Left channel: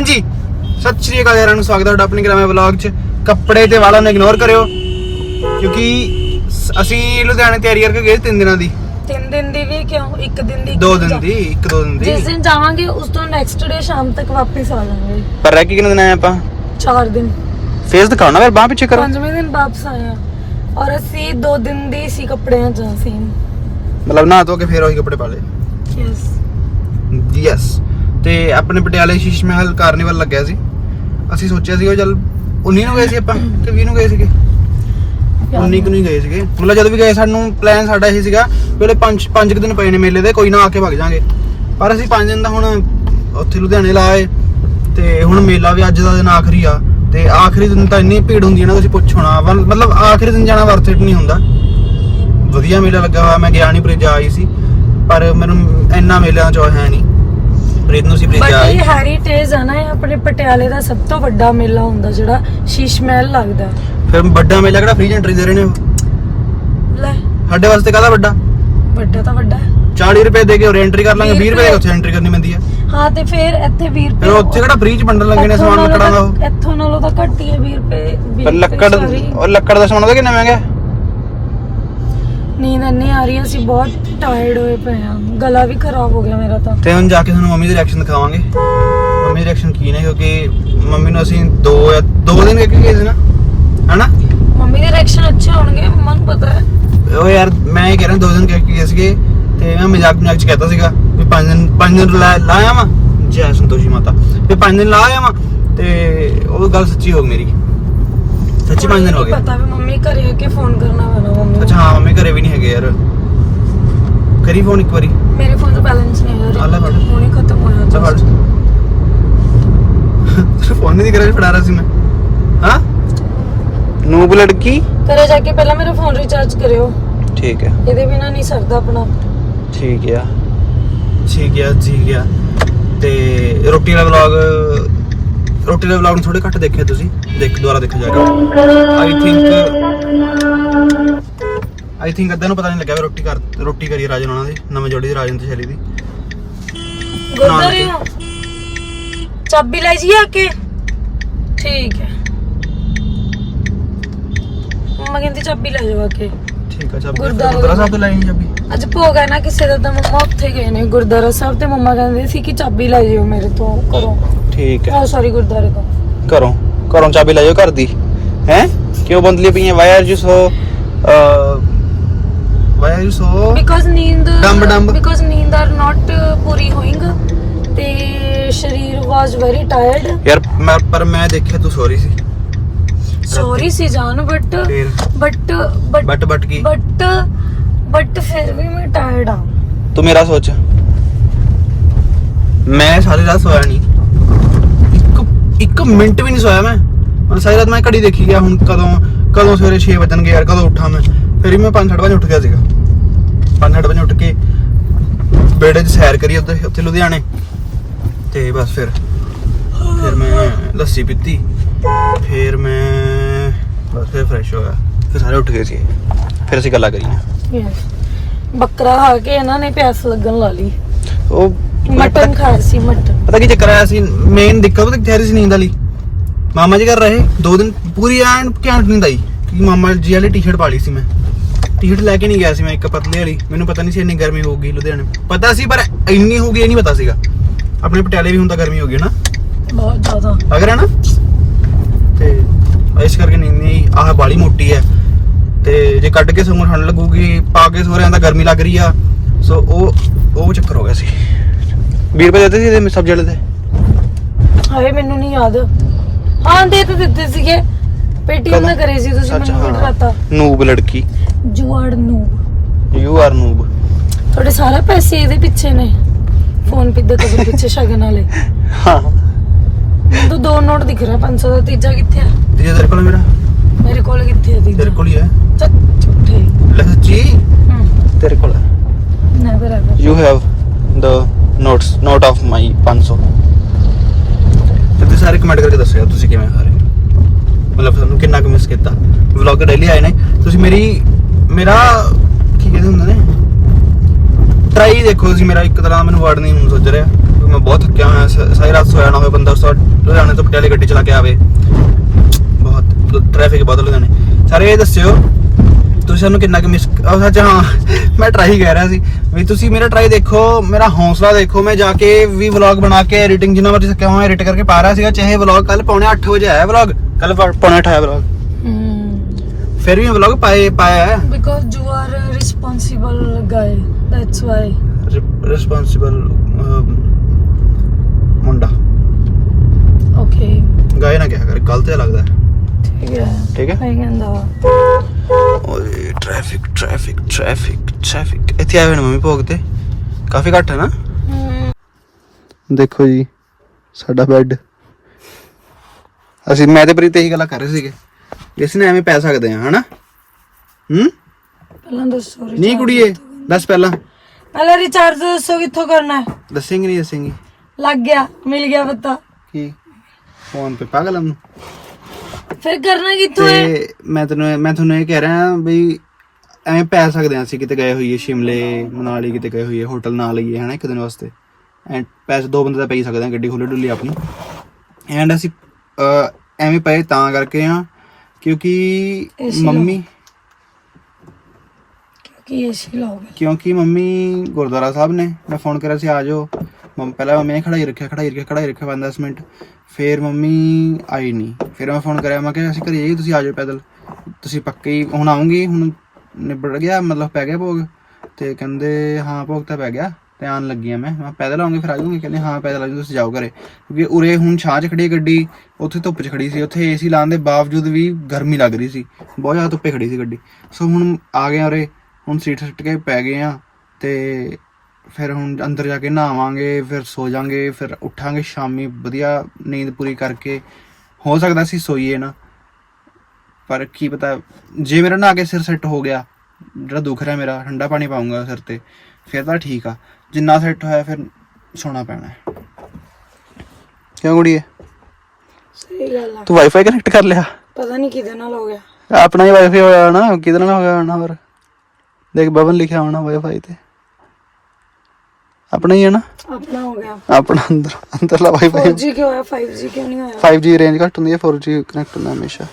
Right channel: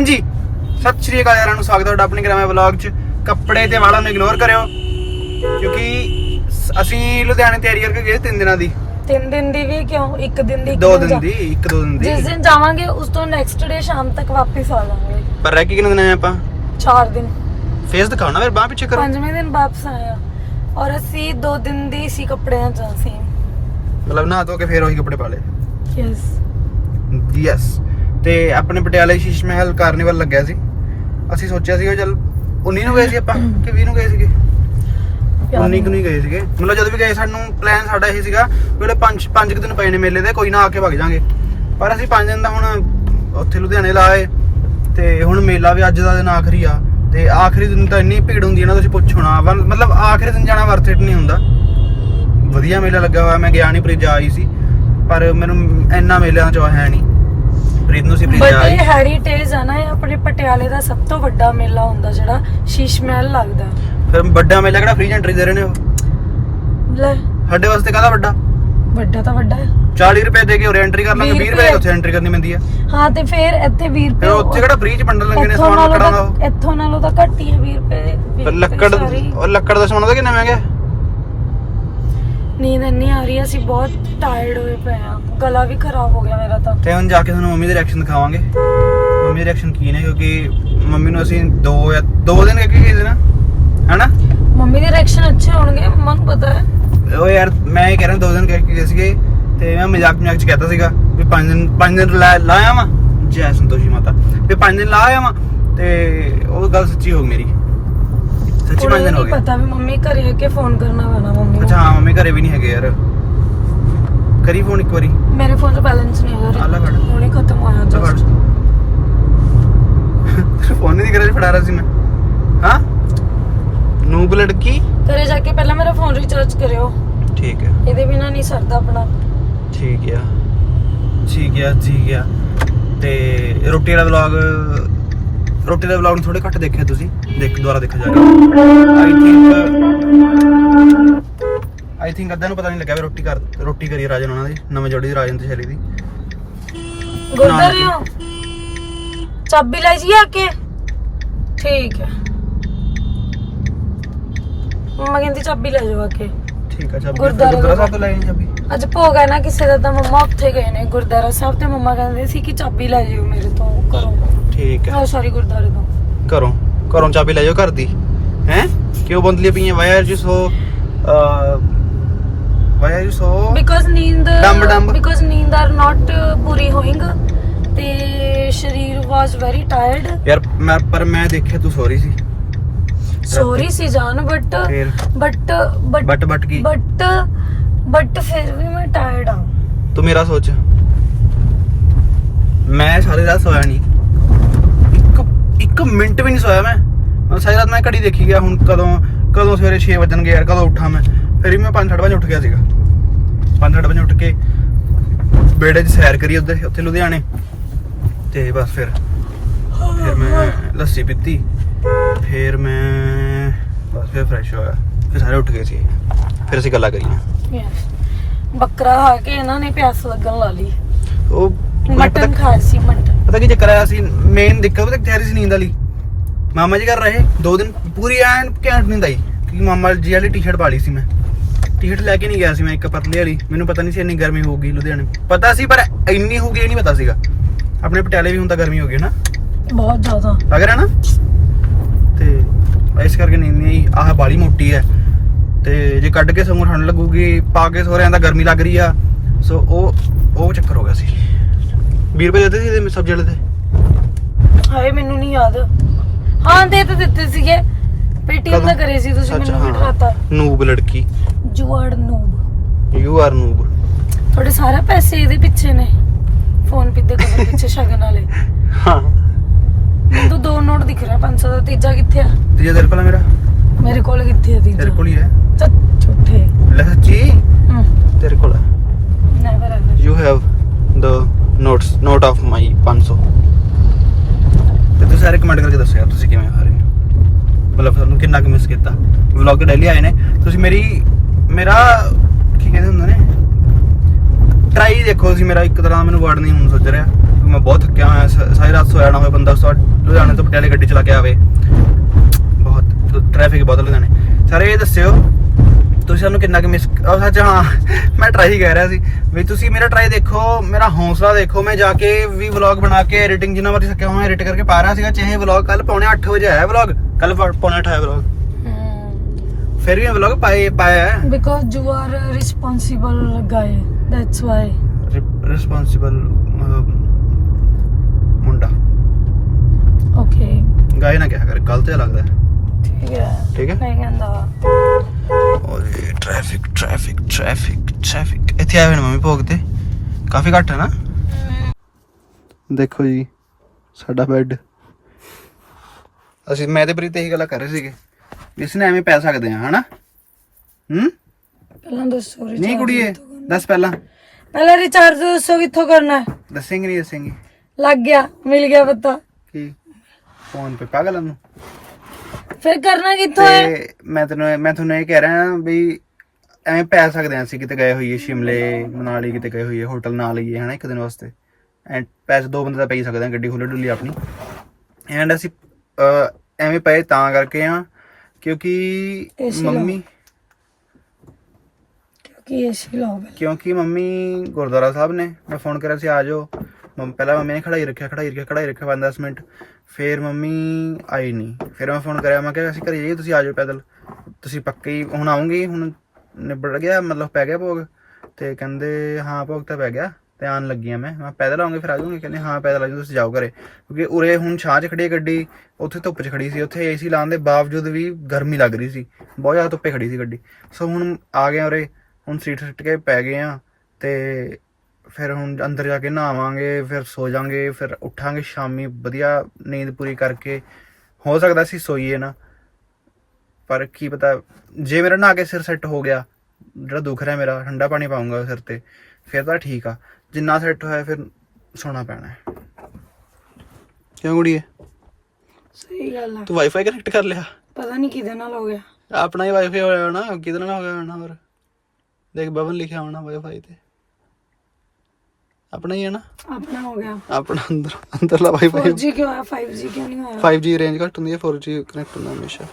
ਹਾਂਜੀ। ਸਤਿ ਸ਼੍ਰੀ ਅਕਾਲ ਯਾਰਾਂ ਨੂੰ ਸਵਾਗਤ ਹੈ ਤੁਹਾਡਾ ਆਪਣੇ ਗ੍ਰਾਮੇ ਵਲੌਗ 'ਚ। ਕੱਪੜੇ ਤੇ ਵਾਲਾਂ ਨੂੰ ਇਗਨੋਰ ਕਰਿਓ ਕਿਉਂਕਿ ਅਸੀਂ ਲੁਧਿਆਣੇ ਤਿਆਰੀ ਕਰਕੇ ਗਏ ਤਿੰਨ ਦਿਨਾਂ ਦੀ। ਤਿੰਨ ਦਿਨ ਦੀ ਵੀ ਕਿਉਂ? ਇੱਕ ਦਿਨ ਦੀ ਦੋ ਕਿਉਂ ਦਿਨ ਦੀ ਇੱਕ ਦੋ ਦਿਨ ਜਿਸ ਦੀ ਦਿਨ ਜਾਵਾਂਗੇ ਉਸ ਤੋਂ ਨੈਕਸਟ ਡੇ ਸ਼ਾਮ ਤੱਕ ਵਾਪਸ ਆ ਜਾਵਾਂਗੇ। ਪਰ ਰਹਿ ਕੇ ਕਿੰਨੇ ਦਿਨ ਆਏ ਆਪਾਂ? ਚਾਰ ਦਿਨ। ਫੇਸ ਦਿਖਾਓ ਨਾ ਫਿਰ ਬਾਹ ਪਿੱਛੇ ਕਰੋ। ਪੰਜਵੇਂ ਦਿਨ ਵਾਪਸ ਆਏ ਆ। ਔਰ ਅਸੀਂ ਦੋ ਦਿਨ ਦੀ ਸੀ ਕੱਪੜਿਆਂ ਚ ਸੇਮ ਮਤਲਬ ਨਹਾ ਧੋ ਕੇ ਫੇਰ ਉਹੀ ਕੱਪੜੇ ਪਾ ਲਏ। ਯੈਸ ਯੈਸ ਤੇ ਆਪਣੇ ਪਟਿਆਲੇ ਸ਼ੀਸ਼ ਮਹਿਲ ਕਾਰਨੀਵਲ ਲੱਗਿਆ ਸੀ। ਅਸੀਂ ਸੋਚਿਆ ਸੀ ਉਹ ਚੱਲ 19 ਨੂੰ ਗਏ ਸੀ ਆਪਾਂ ਕਿ 20 ਨੂੰ ਗਏ ਸੀਗੇ। 19 ਨੂੰ ਹੀ ਗਏ ਸੀਗੇ। ਮਤਲਬ ਜਦ ਵੀ ਗਏ ਸਾਨੂੰ ਪਲਾਨ ਸਾਡਾ ਇਹ ਸੀਗਾ ਵੀ ਉਹਦੇ 5 5 ਦਿਨ ਪਏ ਨੇ ਮੇਲੇ ਦੇ, ਕੋਈ ਨਾ ਆ ਕੇ ਵਗ ਜਾਾਂਗੇ। ਪਰ ਅਸੀਂ 5 ਦਿਨ ਦਾ ਹੁਣ ਉੱਥੇ ਲੁਧਿਆਣੇ ਲਾਏ ਤੇ ਹੁਣ ਮੇਲਾ ਵੀ ਅੱਜ ਦਾ ਦਿਨ ਆਖਰੀ ਆ ਤੇ ਆਖਰੀ ਦਿਨ ਤਾਂ ਇੰਨੀ ਭੀੜ ਹੁੰਦੀ ਹੈ ਨਾ ਤੁਸੀਂ ਪੁੱਛਣਾ ਮਤਲਬ ਆਖਰੀ ਦਿਨ ਜਾਣਾ ਵਰਥ ਇਟ ਨਹੀਂ ਹੁੰਦਾ। ਵਧੀਆ ਮੇਲਾ ਲੱਗਾ ਹੋਇਆ, ਮੈਂ ਗਿਆ ਨਹੀਂ ਪ੍ਰੀਤ ਜਾ ਆਈ ਸੀ। ਪਰ ਮੈਨੂੰ ਇੰਨਾ ਮੇਲਿਆਂ ਦਾ ਚਾਹ ਹੈ ਨਹੀਂ ਪ੍ਰੀਤ ਨੂੰ ਸੀ ਪ੍ਰੀਤ ਬਟ ਜਾ ਆਈ ਇਹ ਹੈਰੀਟੇਜ ਹੈ ਨਾ ਇਹ ਆਪਣੇ ਪਟਿਆਲੇ ਦਾ ਸਭ ਤੋਂ ਵੱਡਾ ਮੇਲਾ ਹੁੰਦਾ ਜਿਹੜਾ ਸ਼ੀਸ਼ ਮਹਿਲ ਲੱਗਦਾ। ਫਿਰ ਵੱਡਾ ਮੇਲਾ ਕਿਹੜਾ ਫ੍ਰੀ ਐਂਟਰੀ ਦੇ ਰਹੇ ਨੇ ਉਹ ਲੈ ਸਾਡੇ ਵਾਸਤੇ ਕਾਹਦਾ ਵੱਡਾ ਵੱਡਾ ਤਾਂ ਵੱਡਾ ਹੈ 40 ਰੁਪਏ ਦੇ ਕੇ ਉਰੇ ਐਂਟਰੀ ਕਰ ਲਾਂਗੇ 20 ਵੀਹ ਰੁਪਏ ਦੇ। ਉੱਥੇ ਐਂਟਰੀ ਕਰਨੀ ਪੈਂਦੀ ਆ ਹਾਂ ਤੇ ਫਿਰ ਇੱਥੇ 20 ਰੁਪਏ ਫਿਰ ਉੱਥੇ ਕਿਹੜਾ ਫ੍ਰੀ ਚ ਵੰਡਣ ਲੱਗੇ ਨੇ ਸਮਾਨ ਨਾਲੋਂ ਲੱਕੜਾਂ ਦਾ ਇੱਥੋਂ ਨਾਲੋਂ ਤਾਂ ਘੱਟ ਹੀ ਹੈ 20 ਰੁਪਏ ਪਰ ਲੱਕੜ। ਉਹ ਲੱਕੜ ਦਾ ਸਮਾਨ ਉਹਦਾ ਕਿੰਨਾ ਮਹਿੰਗਾ ਹੈ? ਨੀਂਦ ਨਹੀਂ ਆ ਰਹੀ ਅਸੀਂ ਬਹੁਤ ਟਾਇਰਡ ਹੋਏ ਪਏ ਆ ਗਲਾ ਵੀ ਖਰਾਬ ਹੋ ਗਿਆ ਮੇਰਾ ਤਾਂ। ਤੇ ਹੁਣ ਜਾ ਕੇ ਤੁਹਾਨੂੰ ਮੰਮੀ ਦੇ ਰਿਐਕਸ਼ਨ ਦਿਖਾਵਾਂਗੇ। ਮੰਮੀ ਦੇ ਰਿਐਕਸ਼ਨ ਕੀ ਨੇ? ਕਿਉਂਕਿ ਮੰਮੀ ਨੂੰ ਅਸੀਂ ਦੋ ਜਾਂ ਦੋ ਦਿਨ ਕਹਿ ਕੇ ਗਏ ਸੀ ਨਾ ਹਨਾ? ਮੰਮੀ ਦੇ ਰਿਐਕਸ਼ਨ ਅੱਛੇ ਹੋਣਗੇ ਮੰਮਾ ਨੂੰ ਪਤਾ ਹੈ। ਉਹ ਯਾਰ ਮੈਂ ਇਹ ਕਹਿ ਰਿਹਾ ਦੋ ਦਿਨ ਕਹਿ ਕੇ ਗਏ ਸੀਗੇ ਤੇ ਮੈਂ ਮਜ਼ਾਕ ਮਜ਼ਾਕ ਚ ਕਹਿਤਾ ਸੀਗਾ ਵੀ ਪੰਜ ਦਿਨ ਪੰਜ ਦਿਨ ਲਾਇਆ ਵਾ। ਜੈ ਸੰਤੋਸ਼ੀ ਮਾਤਾ। ਵੀ ਪੰਜ ਦਿਨ ਲਾਇਆ ਵਾ ਤੇ ਉਹ ਗੱਲ ਸੱਚੀ ਹੋ ਗਈ ਮੇਰੀ। ਸੱਚੀ ਪੰਜ ਦਿਨ ਹੋ ਗਏ। ਪਤਾ ਵੀ ਮੰਮੀ ਘਰੇ ਆ ਕੇ ਫੋਨ ਕਰਨਾ ਅੱਛਾ ਹਾਂ ਮੰਮੀ ਘਰੇ ਵੀ ਨਹੀਂ ਹੈਗੇ ਯਾਰ। ਕਰੀ ਫੋਨ ਇੱਕ ਵਾਰੀ। ਮੇਰੇ ਫੋਨ 'ਚ ਬੈਲੈਂਸ ਨਹੀਂ ਹੈ ਆ ਲੈ ਫੜ। ਹੁਣੀ ਖਤਮ ਹੋਇਆ ਚੱਲ ਫੜ। ਫੋਨ ਨਹੀਂ ਕਰਿਆ ਫੜਾ ਰਿਹਾ ਸੀ ਮੈਂ। ਹਾਂ? ਨੂਬ ਲੜਕੀ। ਘਰੇ ਜਾ ਕੇ ਪਹਿਲਾਂ ਮੇਰਾ ਫੋਨ ਰੀਚਾਰਜ ਕਰਿਓ। ਠੀਕ ਹੈ ਇਹਦੇ ਬਿਨਾ ਨਹੀਂ ਸਰਦਾ ਆਪਣਾ। ਠੀਕ ਆ। ਠੀਕ ਆ ਠੀਕ ਆ। ਤੇ ਰੋਟੀ ਦਾ ਵਲੌਗ ਰੋਟੀ ਦਾ ਵਲੌਗ ਨੂੰ ਥੋੜੇ ਘੱਟ ਦੇਖਿਆ ਤੁਸੀਂ? ਦੇਖ ਦੁਬਾਰਾ ਦੇਖੋ ਜਾ ਕੇ। ਆਈ ਥਿੰਕ ਆਈ ਥਿੰਕ ਅੱਧਾ ਨੂੰ ਪਤਾ ਨਹੀਂ ਲੱਗਿਆ ਵੀ ਰੋਟੀ ਕਰ ਰੋਟੀ ਕਰੀ ਰਾਜਨ ਉਹਨਾਂ ਦੀ ਨਵੇਂ ਜੋੜੀ ਦੀ ਰਾਜਨ ਤੇ ਸ਼ੈਲੀ ਦੀ। ਗੁਰਦਾਰੇ ਹੋ ਚਾਬੀ ਲੈ ਜੀ ਆ ਕੇ? ਠੀਕ ਹੈ। ਮੰਮਾ ਕਹਿੰਦੀ ਚਾਬੀ ਲੈ ਜਾਓ ਆ ਕੇ। ਠੀਕ ਆ ਚਾਬੀ ਗੁਰਦੁਆਰਾ ਗੁਰਦੁਆਰਾ ਸਾਹਿਬ ਤੋਂ ਲੈਣੀ ਚਾਬੀ। ਅੱਜ ਭੋਗ ਹੈ ਨਾ ਕਿਸੇ ਦਾ ਤਾਂ ਮੰਮਾ ਉੱਥੇ ਗਏ ਨੇ ਗੁਰਦਾਰਾ ਸਾਹਿਬ ਤੇ ਮੰਮਾ ਕਹਿੰਦੇ ਸੀ ਕਿ ਚਾਬੀ ਲੈ ਜਿਓ ਮੇਰੇ ਤੋਂ ਕਰੋ ਠੀਕ ਹੈ। ਹਾਂ ਸੌਰੀ ਗੁਰਦਾਰੇ ਤੋਂ। ਘਰੋਂ। ਘਰੋਂ ਚਾਬੀ ਲੈ ਜਾਓ ਘਰ ਦੀ। ਹੈ? ਕਿਉਂ ਬੰਦਲੀ ਪਈਆਂ? Why are you so why are you so because ਨੀਂਦ ਡੰਬ ਡੰਬ। ਬਿਕੋਜ਼ ਨੀਂਦ ਆਰ ਨਾਟ ਪੂਰੀ ਹੋਇੰਗ ਤੇ ਸ਼ਰੀਰ ਵਾਸ ਵੈਰੀ ਟਾਇਰਡ ਯਾਰ ਮੈਂ ਪਰ ਮੈਂ ਦੇਖਿਆ ਤੂੰ ਸੌਰੀ ਸੀ ਸੌਰੀ ਸੀ ਜਾਨ ਬਟ ਫੇਰ ਬਟ ਬਟ ਬਟ ਕੀ ਬਟ ਬਟ ਫਿਰ ਵੀ ਮੈਂ ਟਾਇਰਡ ਆ ਤੂੰ ਮੇਰਾ ਸੋਚ ਮੈਂ ਸਾਰੀ ਰਾਤ ਸੋਇਆ ਨਹੀਂ ਇੱਕ ਇੱਕ ਮਿੰਟ ਵੀ ਨਹੀਂ ਸੋਇਆ ਮੈਂ ਮੈਂ ਸਾਰੀ ਰਾਤ ਮੈਂ ਘੜੀ ਦੇਖੀ ਗਿਆ ਹੁਣ ਕਦੋਂ ਕਦੋਂ ਸਵੇਰੇ 6 ਵਜਣਗੇ ਯਾਰ ਕਦੋਂ ਉੱਠਾਂ ਮੈਂ ਫਿਰ ਵੀ ਮੈਂ 5:30 ਵਜੇ ਉੱਠ ਗਿਆ ਸੀਗਾ 5:30 ਵਜੇ ਉੱਠ ਕੇ ਬੇੜੇ 'ਚ ਸੈਰ ਕਰੀ ਉੱਥੇ ਉੱਥੇ ਲੁਧਿਆਣੇ। ਤੇ ਬਸ ਫਿਰ ਫਿਰ ਮੈਂ ਲੱਸੀ ਪੀਤੀ। ਫਿਰ ਮੈਂ ਬਸ ਫਿਰ ਫਰੈਸ਼ ਹੋਇਆ। ਫਿਰ ਸਾਰੇ ਉੱਠ ਗਏ ਸੀ। ਫਿਰ ਅਸੀਂ ਗੱਲਾਂ ਕਰੀਆਂ। ਯੈਸ ਬੱਕਰਾ ਖਾ ਕੇ ਇਹਨਾਂ ਨੇ ਪਿਆਸ ਲੱਗਣ ਲਾ ਲਈ। ਉਹ ਮਟਨ ਖਾਇਆ ਸੀ ਮਟਨ। ਪਤਾ ਕੀ ਚੱਕਰ ਆਇਆ ਸੀ? ਮੇਨ ਦਿੱਕਤ ਪਤਾ ਰਹੀ ਸੀ ਨੀਂਦ ਵਾਲੀ? ਮਾਮਾ ਜੀ ਘਰ ਰਹੇ। ਦੋ ਦਿਨ ਪੂਰੀ ਐਨ ਘੈਂਟ ਨੀਂਦ ਆਈ। ਕਿਉਂਕਿ ਮਾਮਾ ਜੀ ਵਾਲੀ ਟੀ-ਸ਼ਰਟ ਪਾ ਲਈ ਸੀ ਮੈਂ। ਟੀ-ਸ਼ਰਟ ਲੈ ਕੇ ਨਹੀਂ ਗਿਆ ਸੀ ਮੈਂ ਇੱਕ ਪਤਲੀ ਵਾਲੀ। ਮੈਨੂੰ ਪਤਾ ਨਹੀਂ ਸੀ ਇੰਨੀ ਗਰਮੀ ਹੋਊਗੀ ਲੁਧਿਆਣੇ ਪਤਾ ਸੀ ਪਰ ਇੰਨੀ ਹੋਊਗੀ ਇਹ ਨਹੀਂ ਪਤਾ ਸੀਗਾ। ਆਪਣੇ ਪਟਿਆਲੇ ਵੀ ਤਾਂ ਗਰਮੀ ਹੋ ਗਈ ਹੈ ਨਾ। ਬਹੁਤ ਜ਼ਿਆਦਾ। ਲੱਗ ਰਿਹਾ ਨਾ? ਤੇ ਇਸ ਕਰਕੇ ਨੀਂਦ ਨਹੀਂ ਆਹ ਬਾਲੀ ਮੋਟੀ ਹੈ। ਤੇ ਜੇ ਕੱਢ ਕੇ ਸਗੋਂ ਠੰਡ ਲੱਗੂਗੀ ਪਾ ਕੇ ਸੋ ਰਿਆਂ ਤਾਂ ਗਰਮੀ ਲੱਗ ਰਹੀ ਆ। ਸੋ ਉਹ ਉਹ ਚੱਕਰ ਹੋ ਗਿਆ ਸੀ। 20 ਰੁਪਏ ਦਿੱਤੇ ਸੀ ਇਹਦੇ ਸਬਜ਼ੀ ਵਾਲੇ ਤੇ? ਹਾਏ ਮੈਨੂੰ ਨਹੀਂ ਯਾਦ। ਹਾਂ ਦੇ ਤਾਂ ਦਿੱਤੇ ਸੀਗੇ। ਪੇਟੀਐਮ ਨਾ ਕਰੇ ਸੀ ਤੁਸੀਂ ਸੱਚ ਮੈਨੂੰ ਹਾਂ। ਬਿਠਾਤਾ ਨੂਬ ਲੜਕੀ। ਜੁਆੜ ਨੂਬ ਯੂ ਆਰ ਨੂਬ ਤੁਹਾਡੇ ਸਾਰੇ ਪੈਸੇ ਇਹਦੇ ਪਿੱਛੇ ਨੇ। ਫੋਨ ਪੇ ਦੇ ਕਵਰ ਪਿੱਛੇ ਸ਼ਗਨ ਵਾਲੇ? ਹਾਂ। ਮੈਨੂੰ ਤਾਂ ਦੋ ਨੋਟ ਦਿਖ ਰਿਹਾ 500 ਦਾ ਤੀਜਾ ਕਿੱਥੇ ਆ? ਤੀਜਾ ਤੇਰੇ ਕੋਲ ਮੇਰਾ? ਮੇਰੇ ਕੋਲ ਕਿੱਥੇ ਆ ਤੀਜਾ? ਤੇਰੇ ਕੋਲ ਹੀ ਹੈ ਝੂਠੇ। ਲੈ ਸੱਚੀ? ਹਮ, ਤੇਰੇ ਕੋਲ ਹੈ never ever you have the notes note of my 500 ਤੇ ਤੁਸੀਂ ਸਾਰੇ ਕਮੈਂਟ ਕਰਕੇ ਦੱਸੋ ਯਾਰ ਤੁਸੀਂ ਕਿਵੇਂ ਹਾਰੇ ਮਤਲਬ ਤੁਹਾਨੂੰ ਕਿੰਨਾ ਕੁ ਮਿਸ ਕੀਤਾ? ਵਲੌਗ ਡੇਲੀ ਆਏ ਨੇ। ਤੁਸੀਂ ਮੇਰੀ, ਮੇਰਾ, ਕੀ ਕਹਿੰਦੇ ਹੁੰਦੇ ਨੇ? ਟਰਾਈ ਦੇਖੋ ਤੁਸੀਂ, ਮੇਰਾ ਇੱਕ ਤਰ੍ਹਾਂ ਮੈਨੂੰ ਵਰਡ ਨਹੀਂ ਹੁਣ ਸੁੱਝ ਰਿਹਾ। ਮੈਂ ਬਹੁਤ ਥੱਕਿਆ ਹੋਇਆ, ਸ- ਸਾਰੀ ਰਾਤ ਸੋਇਆ ਨਾ ਹੋਵੇ ਬੰਦਾ ਉਸ ਤੋਂ ਤੋਂ ਪਟਿਆਲੇ ਗੱਡੀ ਚਲਾ ਕੇ ਆਵੇ। ਬਹੁਤ ਟ੍ਰੈਫਿਕ ਬਹੁਤ ਲੁਧਿਆਣੇ। ਸਾਰੇ ਇਹ ਦੱਸਿਓ, ਤੁਸੀਂ ਸਾਨੂੰ ਕਿੰਨਾ ਕੁ ਮਿਸ ਉਹ ਹਾਂ, ਮੈਂ ਟਰਾਈ ਕਹਿ ਰਿਹਾ ਸੀ। ਵੀ ਤੁਸੀਂ ਮੇਰਾ ਟਰਾਈ ਦੇਖੋ ਮੇਰਾ ਹੌਸਲਾ ਦੇਖੋ ਮੈਂ ਜਾ ਕੇ ਵੀ ਵਲੌਗ ਬਣਾ ਕੇ ਐਡੀਟਿੰਗ ਜਿੰਨਾ ਮਰਜ਼ੀ ਸਕਿਆ ਮੈਂ ਐਡਿਟ ਕਰਕੇ ਪਾ ਰਿਹਾ ਸੀਗਾ ਚਾਹੇ ਵਲੌਗ ਕੱਲ ਪੌਣੇ 8 ਵਜੇ ਆਇਆ ਵਲੌਗ ਕੱਲ ਪੌਣੇ 8 ਆਇਆ ਵਲੌਗ ਫਿਰ ਵੀ ਮੈਂ ਵਲੌਗ ਪਾਏ ਪਾਇਆ ਹੈ। Because you are responsible guy that's why responsible ਮੁੰਡਾ। ਓਕੇ ਗਾਇ ਨਾ ਕਿਹਾ ਕਰ ਗਲਤ ਜਿਹਾ ਲੱਗਦਾ। ਹੈ। ਠੀਕ ਹੈ। ਠੀਕ ਹੈ? ਮੈਂ ਕਹਿੰਦਾ। ਓਏ ਟ੍ਰੈਫਿਕ ਟ੍ਰੈਫਿਕ ਟ੍ਰੈਫਿਕ ਟ੍ਰੈਫਿਕ ਇੱਥੇ ਆਏ ਹੋਏ ਨੇ ਮੰਮੀ ਭੋਗ ਤੇ। ਕਾਫੀ ਘੱਟ ਹੈ ਨਾ? ਦੇਖੋ ਜੀ ਸਾਡਾ ਬੈੱਡ ਅਸੀਂ ਮੈਂ ਤੇ ਪ੍ਰੀਤ ਇਹੀ ਗੱਲਾਂ ਕਰ ਰਹੇ ਸੀਗੇ। ਅਸੀਂ ਨਾ ਐਵੇਂ ਪੈ ਸਕਦੇ ਹਾਂ ਹਨਾ? ਹੂੰ? ਪਹਿਲਾਂ ਦੱਸੋ ਨਹੀਂ ਕੁੜੀਏ ਦੱਸ ਪਹਿਲਾਂ। ਪਹਿਲਾਂ ਰਿਚਾਰਜ ਦੱਸੋ ਕਿੱਥੋਂ ਕਰਨਾ ਹੈ? ਦੱਸੇਂਗੇ ਨਹੀਂ ਦੱਸੇਂਗੇ। ਲੱਗ ਗਿਆ ਮਿਲ ਗਿਆ ਪਤਾ। ਕੀ? ਫੋਨ ਤੇ ਪਾਗਲ ਹਮ ਫਿਰ ਕਰਨਾ ਕਿੱਥੋਂ ਹੈ? ਮੈਂ ਤੈਨੂੰ ਮੈਂ ਤੁਹਾਨੂੰ ਇਹ ਕਹਿ ਰਿਹਾ ਵੀ ਐਵੇਂ ਪੈ ਸਕਦੇ ਹਾਂ ਅਸੀਂ ਕਿਤੇ ਗਏ ਹੋਈਏ ਸ਼ਿਮਲੇ ਮਨਾਲੀ ਕਿਤੇ ਗਏ ਹੋਈਏ ਹੋਟਲ ਨਾ ਲਈਏ ਹਨਾ ਇੱਕ ਦਿਨ ਵਾਸਤੇ। ਐਂਡ ਪੈਸੇ ਦੋ ਬੰਦੇ ਦਾ ਪਈ ਸਕਦੇ ਹਾਂ ਗੱਡੀ ਖੁੱਲੇ ਡੁੱਲੀ ਆਪਣੀ ਐਂਡ ਅਸੀਂ ਐਵੇਂ ਪਏ ਤਾਂ ਕਰਕੇ ਆ ਕਿਉਂਕਿ। ਮੰਮੀ ਕਿਉਂਕਿ ਏਸੀ ਲਾਓਗੇ। ਕਿਉਂਕਿ ਮੰਮੀ ਗੁਰਦੁਆਰਾ ਸਾਹਿਬ ਨੇ ਮੈਂ ਫੋਨ ਕਰਿਆ ਸੀ ਆ ਜਾਓ। ਮੰਮ ਪਹਿਲਾਂ ਮੰਮੀ ਨੇ ਖੜਾਈ ਰੱਖਿਆ ਖੜਾਈ ਰੱਖਿਆ ਖੜਾਈ ਰੱਖਿਆ 5-10 ਮਿੰਟ। ਫਿਰ ਮੰਮੀ ਆਈ ਨਹੀਂ ਫਿਰ ਮੈਂ ਫੋਨ ਕਰਿਆ ਮੈਂ ਕਿਹਾ ਅਸੀਂ ਘਰੇ ਜਾਈਏ ਤੁਸੀਂ ਆ ਜਾਓ ਪੈਦਲ। ਤੁਸੀਂ ਪੱਕੇ ਹੀ ਹੁਣ ਆਉਂਗੀ ਹੁਣ ਨਿਬੜ ਗਿਆ, ਮਤਲਬ ਪੈ ਗਿਆ ਭੋਗ? ਤੇ ਕਹਿੰਦੇ, ਹਾਂ ਭੋਗ ਤਾਂ ਪੈ ਗਿਆ, ਤੇ ਆਉਣ ਲੱਗੀਆਂ ਮੈਂ। ਮੈਂ ਪੈਦਲ ਆਉਂਗੇ ਫਿਰ ਆ ਜਾਊਂਗੀ ਕਹਿੰਦੇ, ਹਾਂ, ਪੈਦਲ ਆ ਜਾਓ ਤੁਸੀਂ ਜਾਓ ਘਰੇ। ਕਿਉਂਕਿ ਉਰੇ ਹੁਣ ਛਾਂ 'ਚ ਖੜੀ ਗੱਡੀ, ਉੱਥੇ ਧੁੱਪ 'ਚ ਖੜੀ ਸੀ, ਉੱਥੇ ਏਸੀ ਲਾਉਣ ਦੇ ਬਾਵਜੂਦ ਵੀ ਗਰਮੀ ਲੱਗ ਰਹੀ ਸੀ। ਬਹੁਤ ਜ਼ਿਆਦਾ ਧੁੱਪੇ ਖੜੀ ਸੀ ਗੱਡੀ। ਸੋ ਹੁਣ ਆ ਗਏ ਉਰੇ, ਹੁਣ ਸੀਟ ਸੱਟ ਕੇ ਪੈ ਗਏ ਆ, ਤੇ ਫਿਰ ਹੁਣ ਅੰਦਰ ਜਾ ਕੇ ਨਹਾਵਾਂਗੇ, ਫਿਰ ਸੋ ਜਾਾਂਗੇ, ਫਿਰ ਉੱਠਾਂਗੇ ਸ਼ਾਮੀ, ਵਧੀਆ ਨੀਂਦ ਪੂਰੀ ਕਰਕੇ। ਹੋ ਸਕਦਾ ਸੀ ਸੋਈਏ ਨਾ। ਪਰ ਕੀ ਪਤਾ ਜੇ ਮੇਰਾ ਨਹਾ ਕੇ ਸਿਰ ਸੈੱਟ ਹੋ ਗਿਆ ਜਿਹੜਾ ਦੁਖ ਰਿਹਾ ਮੇਰਾ ਠੰਡਾ ਪਾਣੀ ਪਾਉਂਗਾ ਸਿਰ ਤੇ ਫਿਰ ਤਾਂ ਠੀਕ ਆ ਜਿੰਨਾ ਸੈੱਟ ਹੋਇਆ ਫਿਰ ਸੋਣਾ ਪੈਣਾ ਹੈ ਕਿਉਂ ਕੁੜੀਏ ਸਹੀ ਗੱਲ ਆ ਤੂੰ ਵਾਈਫਾਈ ਕਨੈਕਟ ਕਰ ਲਿਆ ਪਤਾ ਨਹੀਂ ਕਿਹਦੇ ਨਾਲ ਹੋ ਗਿਆ ਆਪਣਾ ਹੀ ਵਾਈਫਾਈ ਹੋਇਆ ਨਾ ਕਿਹਦੇ ਨਾਲ ਹੋ ਗਿਆ ਹੋਣਾ ਹੋਰ ਦੇਖ ਬਵਨ ਲਿਖਿਆ ਹੋਣਾ ਵਾਈਫਾਈ ਤੇ ਆਪਣਾ ਹੀ ਹੈ ਨਾ ਆਪਣਾ ਹੋ ਗਿਆ ਆਪਣਾ ਅੰਦਰ ਅੰਦਰਲਾ ਵਾਈਫਾਈ 4G ਕਿਉਂ ਹੋਇਆ 5G ਕਿਉਂ ਨਹੀਂ ਹੋਇਆ 5G ਰੇਂਜ ਘੱਟ ਹੁੰਦੀ ਹੈ 4G ਕਨੈਕਟ ਹੁੰਦਾ ਹਮੇਸ਼ਾ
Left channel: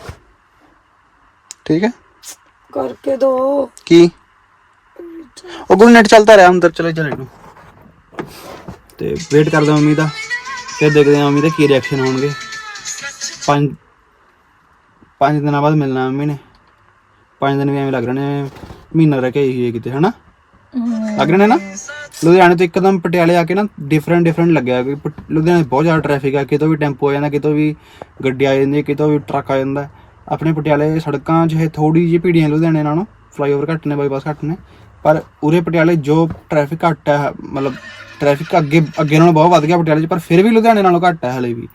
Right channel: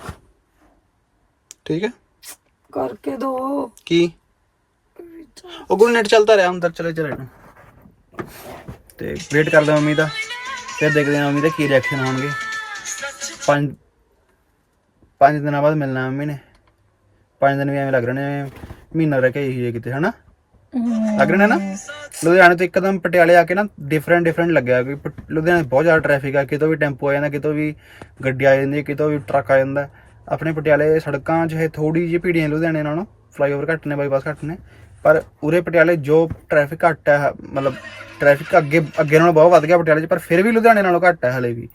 ਠੀਕ ਹੈ? ਕਰਕੇ ਦੋ। ਕੀ? ਉਹ ਗੁੱਡ ਨੈਟ ਚੱਲਦਾ ਰਿਹਾ ਅੰਦਰ ਚਲੇ ਚਲੇ ਨੂੰ। ਤੇ ਵੇਟ ਕਰਦਾ ਮੰਮੀ ਦਾ ਫਿਰ ਦੇਖਦੇ ਹਾਂ ਮੰਮੀ ਦਾ ਕੀ ਰਿਐਕਸ਼ਨ ਹੋਣਗੇ। ਪੰਜ ਪੰਜ ਦਿਨਾਂ ਬਾਅਦ ਮਿਲਣਾ ਮੰਮੀ ਨੇ। ਪੰਜ ਦਿਨ ਵੀ ਐਵੇਂ ਲੱਗ ਰਹੇ ਨੇ ਮਹੀਨਾ ਰਹਿ ਕੇ ਆਈ ਹੋਈ ਹੈ ਕਿਤੇ ਹਨਾ? ਲੱਗ ਰਹੇ ਨੇ ਨਾ? ਲੁਧਿਆਣੇ ਤੋਂ ਇੱਕਦਮ ਪਟਿਆਲੇ ਆ ਕੇ ਨਾ ਡਿਫਰੈਂਟ ਡਿਫਰੈਂਟ ਲੱਗਿਆ। ਕਿ ਲੁਧਿਆਣੇ ਬਹੁਤ ਜ਼ਿਆਦਾ ਟ੍ਰੈਫਿਕ ਆ ਕਿਤੋਂ ਵੀ ਟੈਂਪੋ ਆ ਜਾਂਦਾ ਕਿਤੋਂ ਵੀ ਗੱਡੀ ਆ ਜਾਂਦੀ ਕਿਤੋਂ ਵੀ ਟਰੱਕ ਆ ਜਾਂਦਾ। ਆਪਣੇ ਪਟਿਆਲੇ ਸੜਕਾਂ 'ਚ ਇਹ ਥੋੜੀ ਜਿਹੀ ਭੀੜੀਆਂ ਲੁਧਿਆਣੇ ਨਾਲੋਂ ਫਲਾਈਓਵਰ ਘੱਟ ਨੇ ਬਾਈਪਾਸ ਘੱਟ ਨੇ, ਪਰ ਉਰੇ ਪਟਿਆਲੇ ਜੋ ਟ੍ਰੈਫਿਕ ਘੱਟ ਹੈ, ਮਤਲਬ ਟ੍ਰੈਫਿਕ ਅੱਗੇ ਅੱਗੇ ਨਾਲੋਂ ਬਹੁਤ ਵੱਧ ਗਿਆ ਪਟਿਆਲੇ 'ਚ, ਪਰ ਫਿਰ ਵੀ ਲੁਧਿਆਣੇ ਨਾਲੋਂ ਘੱਟ ਹੈ ਹਲੇ ਵੀ।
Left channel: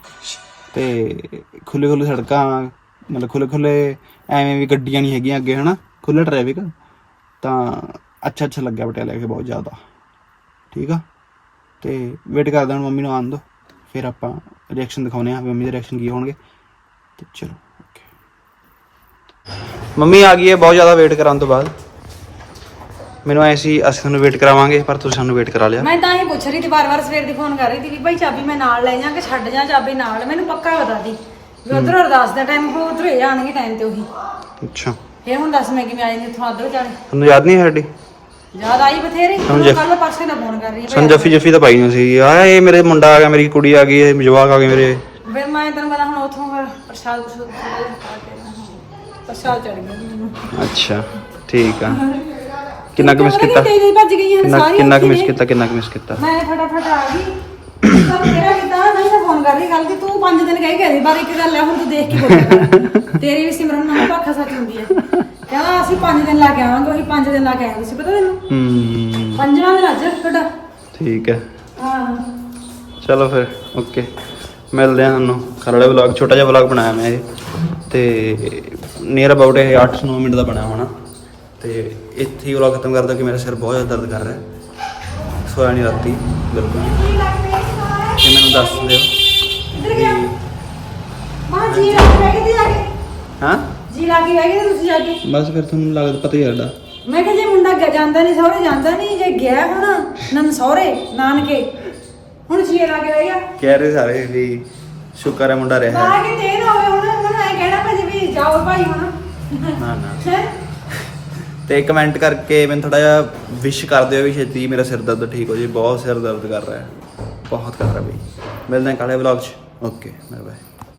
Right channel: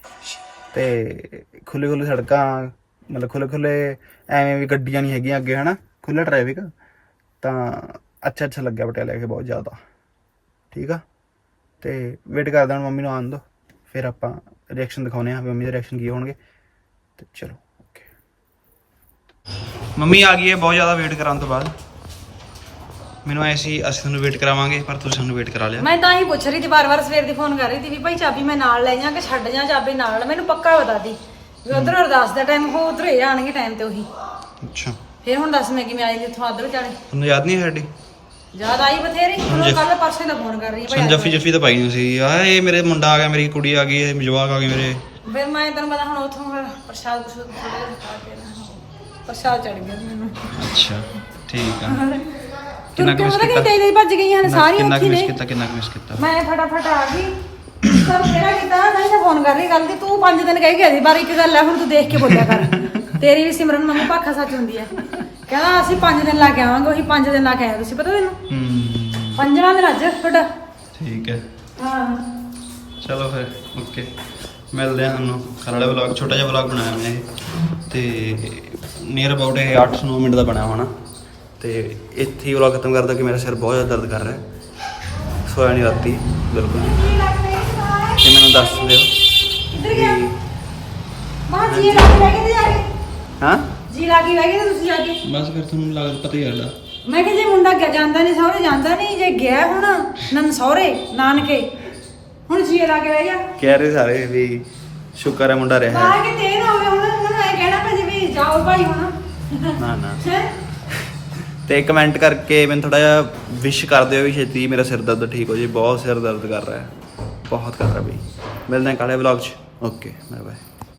ਤੇ ਖੁੱਲੇ ਖੁੱਲੇ ਸੜਕਾਂ, ਮਤਲਬ ਖੁੱਲੇ ਖੁੱਲੇ ਐਵੇਂ ਵੀ ਗੱਡੀਆਂ ਨਹੀਂ ਹੈਗੀਆਂ ਅੱਗੇ, ਹਨਾ ਖੁੱਲਾ ਟ੍ਰੈਫਿਕ ਤਾਂ ਅੱਛਾ ਅੱਛਾ ਲੱਗਿਆ ਪਟਿਆਲੇ ਆ ਕੇ ਬਹੁਤ ਜ਼ਿਆਦਾ। ਠੀਕ ਆ? ਤੇ ਵੇਟ ਕਰਦਾ ਹੁਣ ਮੰਮੀ ਨੂੰ ਆਉਣ ਦੋ, ਫਿਰ ਆਪਾਂ ਰਿਐਕਸ਼ਨ ਦਿਖਾਉਨੇ ਆ ਵੀ ਮੰਮੀ ਦੇ ਰਿਐਕਸ਼ਨ ਕੀ ਹੋਣਗੇ। ਤੇ ਚਲੋ। ਮੰਮੀ ਆ ਗਈ ਹੈ ਬਹੁਤ ਜ਼ਿਆਦਾ ਵੇਟ ਕਰਾਉਣ ਤੋਂ ਬਾਅਦ। ਮੈਨੂੰ ਐਸੀ ਅਸੀਂ ਤੁਹਾਨੂੰ ਵੇਟ ਕਰਾਵਾਂਗੇ ਪਰ ਤੁਸੀਂ ਸਾਨੂੰ ਵੇਟ ਕਰਾ ਲਿਆ। ਮੈਂ ਤਾਂ ਹੀ ਪੁੱਛ ਰਹੀ ਸੀ ਬਾਰ-ਬਾਰ ਸਵੇਰ ਦੀ ਫੋਨ ਕਰ ਰਹੀ ਸੀ ਵੀ ਭਾਈ ਚਾਬੀ ਮੈਂ ਨਾਲ ਲੈ ਜਾਂ ਕਿ ਛੱਡ ਜਾਂ ਚਾਬੀ ਨਾਲ? ਮੈਨੂੰ ਪੱਕਾ ਬਤਾ ਦੀ ਵੀ ਉਧਰ ਅਰਦਾਸ ਦਾ ਟਾਈਮ ਕੋ ਉਧਰ ਇਹ ਆਣਗੇ ਟਾਈਮ ਤੇ ਉਹੀ। ਅੱਛਾ। ਫਿਰ ਹੁਣ ਦੱਸ ਮੈਂ ਕਿਵੇਂ ਆਈ ਇੱਥੋਂ ਆਦਰ ਚੱਲ। ਤੁਹਾਨੂੰ ਯਾਦ ਨਹੀਂ ਹੈ ਸਾਡੀ? ਯਾਦ ਆਈ ਬਥੇਰੀ। ਸਮਝ। ਕੱਲ ਪਾਸੇ ਦਾ ਫੋਨ ਕਰ ਰਹੀ ਸਾਨੂੰ ਜੱਫੀ ਜੱਫੀ ਤਾਂ ਪਾਈ ਨਹੀਂ ਸੀ। ਆ ਇਹ ਮੇਰੇ ਮੁੰਡਾ ਆ ਗਿਆ ਮੇਰੀ ਕੁੜੀ ਆ ਗਈ ਇਹ ਜਵਾਕ ਆ ਗਏ ਮੇਰੇ। ਫਿਰ ਮੈਂ ਤੈਨੂੰ ਪਤਾ ਹੁਣ ਉਥੋਂ ਪ੍ਰਸ਼ਾਦ ਪ੍ਰਸ਼ੂਦ ਖਾ ਕੇ ਪ੍ਰਸ਼ਾਦ ਚੜ ਗਿਆ ਮੈਨੂੰ। ਅੱਛਾ ਠੀਕ ਆ। ਕਿੰਨਾ ਕੁ ਮਿਸ ਪਤਾ ਨੀ ਕੀਤਾ ਤੇਜ਼ ਹੀ ਭੱਜ ਗਈਆਂ ਨੇ ਕਿੰਨਾ ਸਾਰੀਆਂ ਕਿੰਨਾ ਕੁ ਇੱਥੇ ਮਿਸ ਨੇ। ਕੀਤਾ ਕਿੰਨਾ ਕੁ ਮਿਸ ਕੀਤਾ? ਮੈਂ ਫਟਾਫਟ ਆ ਗਈ। ਸਭ ਤੇਰਾ ਕੀਤਾ ਨਹੀਂ ਮੈਂ ਫੋਨ ਕਰ ਰਹੀ ਗੱਲ ਕਿ ਤੂੰ ਪੰਜ ਦਿਨ ਕਹਿ ਗਿਆ ਸੀ ਪਰ ਇੱਕ ਗੱਲ ਹੈ ਹੁਣ ਤੂੰ ਦੇਖ ਕੇ ਬੋਲਿਆ ਕਰ। ਤੇਰੀ ਵੀ ਸਿਮਰਨ ਮੰਮੀ ਭਾਖਾ ਸੱਚ ਹੁੰਦੀ ਹੈ ਕਹਿੰਦਾ ਅਸੀਂ ਪੰਜ ਦਿਨ ਲਾ ਕੇ ਆਵਾਂਗੇ ਉਹੀ ਪੰਜ ਦਿਨ ਲਾ ਕੇ ਆਏ ਤੁਸੀਂ ਪਤਾ ਤੈਨੂੰ? ਹੂੰ। ਪੰਜਵਾਂ ਦਿਨ ਅੱਜ ਤੁਹਾਡਾ ਠੀਕ ਹੈ ਹਾਂ। ਚਲੋ ਫਿਰ ਓਕੇ। ਮਿਲਦੇ ਹਾਂ ਤੁਹਾਨੂੰ। ਵਲੌਗ ਛੋਟਾ ਜਿਹਾ ਵਲੌਗ ਬਣਾਇਆ ਮੈਂ ਇਹ। ਤੇ ਨੀਅਰ ਅਬਾਊਟ ਇਹ 8-9 ਮਿੰਟ ਦਾ ਬਣਿਆ ਹੋਣਾ। ਤੇ ਇੱਥੇ ਹੀ ਵਲੌਗ ਖਤਮ ਕਰਦਾ ਕਿ ਮੇਰਾ ਸਿਰ ਬਹੁਤ ਜ਼ਿਆਦਾ ਦਰਦ ਕਰ ਰਿਹਾ ਹੈ। ਸੋਇਆ ਨਹੀਂ ਰਾਤੀ ਬਿਲਕੁਲ। ਤੇ ਮੈਨੂੰ ਦੱਸ ਦਿਓ ਮਾਂ ਜੀ ਲਾ ਕੇ ਗਏ ਤੇ ਜਾ ਕੇ ਹਾਂ? ਜੀ ਲਾ ਕੇ ਬਹਿ ਗਏ ਤੁਸੀਂ ਜਾ ਕੇ ਬਸ ਫਿਰ ਤੁਹਾਨੂੰ ਲੱਗਦਾ ਪਤਾ ਹੀ ਹੈ ਮੈਂ ਕਿਹਾ ਜੇ ਮੁੰਡਾ ਗਿਆ ਜਾਂਦਾ ਨਹੀਂ ਸਹੁਰੇ ਜਾਂਦਾ ਨਹੀਂ ਜੇ ਗਿਆ ਹੁਣ ਨਨ ਸਹੁਰੇ ਨਾਨਕੇ। ਹੁਣ ਜੀ ਲਾ ਕੇ ਬਹਿ ਗਿਆ ਕਹਿ ਰਹੇ ਸਾਰੇ ਵੀ ਸ਼ੁਕਰ ਹੈ ਮੁੰਡਾ ਰਿਹਾ ਬਾਹਰ ਕਿ ਤੇਰ ਹੋਵੇ ਹੁਣ ਉਹਨਾਂ ਨੂੰ ਕਹਿਣਾ ਭਾਜੀ ਵੀ ਜਾਓ ਭਾਈ ਹੁਣ। ਨਾ ਨਾ। ਹੈਂ? ਤੇ ਕਮੈਂਟ ਕਰਕੇ ਮੈਨੂੰ ਥੋੜਾ ਜਿਹਾ ਵਿਸ਼ ਕਰ ਦਿਓ ਵੀ ਛੇਤੀ ਮੇਰਾ ਸਿਰ ਦਰਦ ਠੀਕ ਹੋ ਜੇ ਬਹੁਤ ਸਿਰ ਦਰਦ ਕਰ ਰਿਹਾ ਹੈ। ਬਹੁਤ ਕਰ ਰਿਹਾ ਬਈ ਮਿਲਦੇ ਹਾਂ ਕਾਲੇ ਵਲੌਗ 'ਚ। Okay bye bye